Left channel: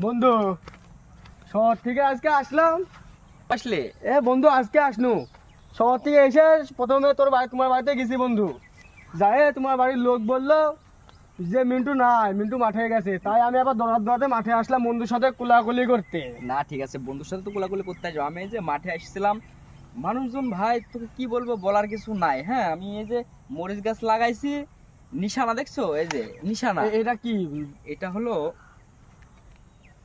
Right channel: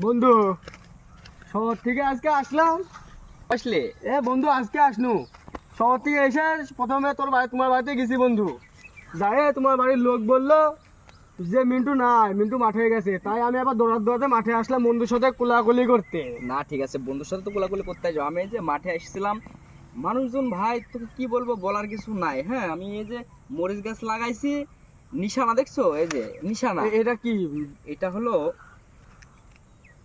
বন্ধু শহর থেকে আজকে আসলাম। আসলে বন্ধু আজকে আসনু শহর থেকে এসে প্রথমে তোমার বাড়িতে গেছি বন্ধু। যাই তোমার বাড়ির লোক বললো যে মিন্টু নাই, মিন্টু মাঠে গেছে। তাই আমি আবার দৌড়াতে মাঠে আসলাম বন্ধুর সাথে কোলাকুলি করতে। না ঠিক আছে, বন্ধুর সাথে তো কোলাকুলি করতে যাবো। আমি এই যে মাঠে আসছিলাম, মানুষজন ভাই তোকে কি বলবো, বলার কিছু নাই। হ্যাঁ, আমি এই যে মরিচ গাছ লাগাইছি, নিশানা দেখছো? এই যে নিশানা, এটা কি? এটা হলো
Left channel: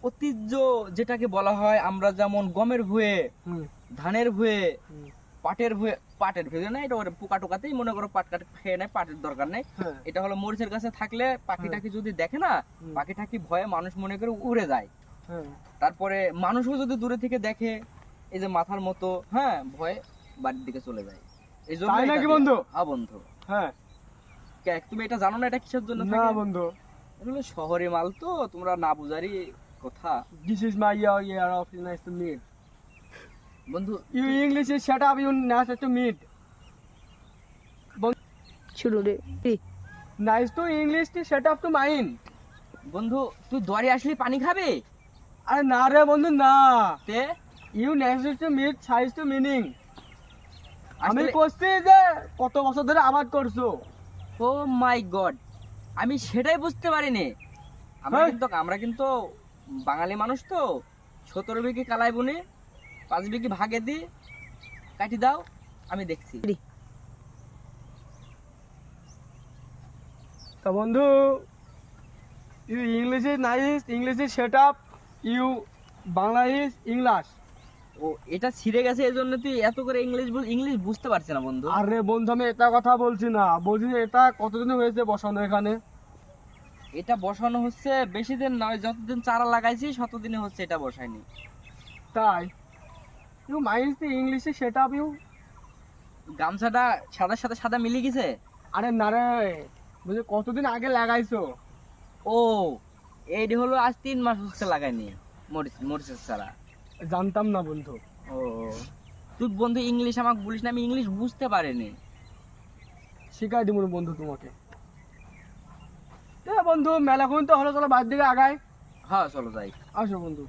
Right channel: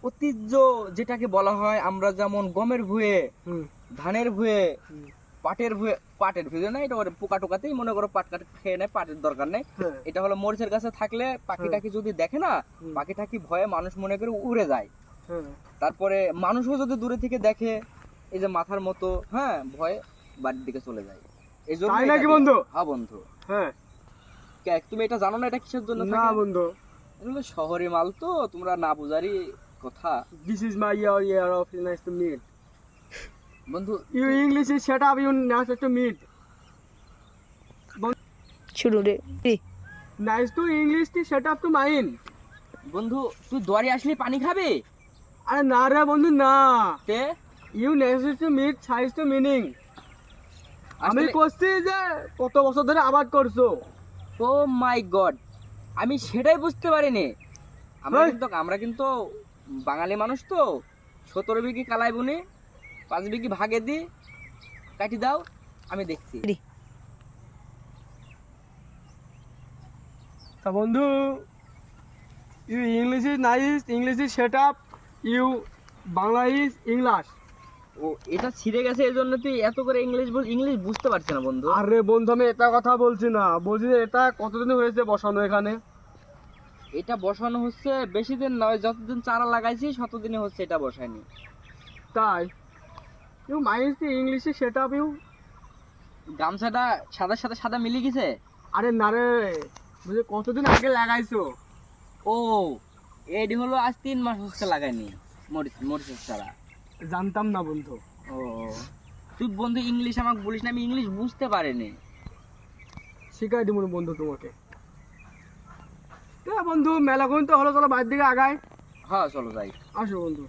ঐতিহ্য, যেটাকে বলা হয় আমরা যেমন গমের ভুঁয়ে, হুম, ধানের ভুঁয়ে, হুম, পাটের ভুঁয়ে না, এটা পোকা টোকাতেই মনে করো পাট কাট খেয়ে নেয়, পাটের দরকার নেই। হ্যাঁ, এটা হলো মরিচের গাছে থাকলে পাখিটাকে যদি দেখে না, হুম, পাখিটাকি ভয়ে মানুষ মনে করে উড়ে যায়। হ্যাঁ। তারপরে মানুষও যদি দূরে থেকে দেখে, এই যে মাথার মতো, হ্যাঁ, ভয়ে বাড়ির দিকে চলে যায়। এই জন্য তাই নাকি এটাকে- বন্ধু? হ্যাঁ বন্ধু। হ্যাঁ। তুমি এটা জানো না এটা কিসের জন্য না থাকে? বন্ধু। এগুলো শহরে মাল তো, তোমরা না বুঝারই কথা। This is my year of nice to meet. বন্ধু You English is shut up, you nice to meet. শুরু রে Nice to English to shut up to mine. বন্ধু তুই দুয়ারে আসলে পানি খাবে? আরে না রে বন্ধু না। তে You nice to meet size to meaning. আমি আসলে- করছি যে কত বছর ধরে আবাদ করছো। ও মাই গড, আমি সেটাই বুঝতে পারিনি। হ্যাঁ। আমরা কিন্তু বাঙালি মানুষ তো, 17 বিঘি কালাই বুনি, 5 বিঘি ভাগে দি, কাটি দাও, আমি দেখছি। তা বন্ধু you English is nice, English is shut up, you Bangla is English. ও এটা ছিঁড়ে গেছে, এই জন্য তুই এত করে ইংলিশ বুঝতে পারছি না বন্ধু। আরে বন্ধু আমি এটা কথা বলছি না, বলছি যে এটা কতদিন হয়েছে বসানো এখানে? এটা বসানো হচ্ছে বেশি দিন নয়, যতদিন চারা লাগাইছি ততদিনে হচ্ছে, এটা বসায়নি। তাই you nice to English is shut up you. গামছাটা সাদার সাথে সাদা মিলে গেছে। আরে না রে, বলছি কতদিন আগে লাগাইছো? ও এইটি হলো আজ 3 মাস হচ্ছে লাগাইনি মরিচের চারা। জানতাম না বন্ধু। ও তুই বন্ধু ইংলিশ আমাকে বলিস না, আমি ইংলিশ বুঝতে পারিনি। শিখাই দিব বন্ধু তোমাকে। বন্ধু মেলা কোন তো হলো, চলো বাড়ির দিকে আগাই। হ্যাঁ চলো যাই। আসো বন্ধু।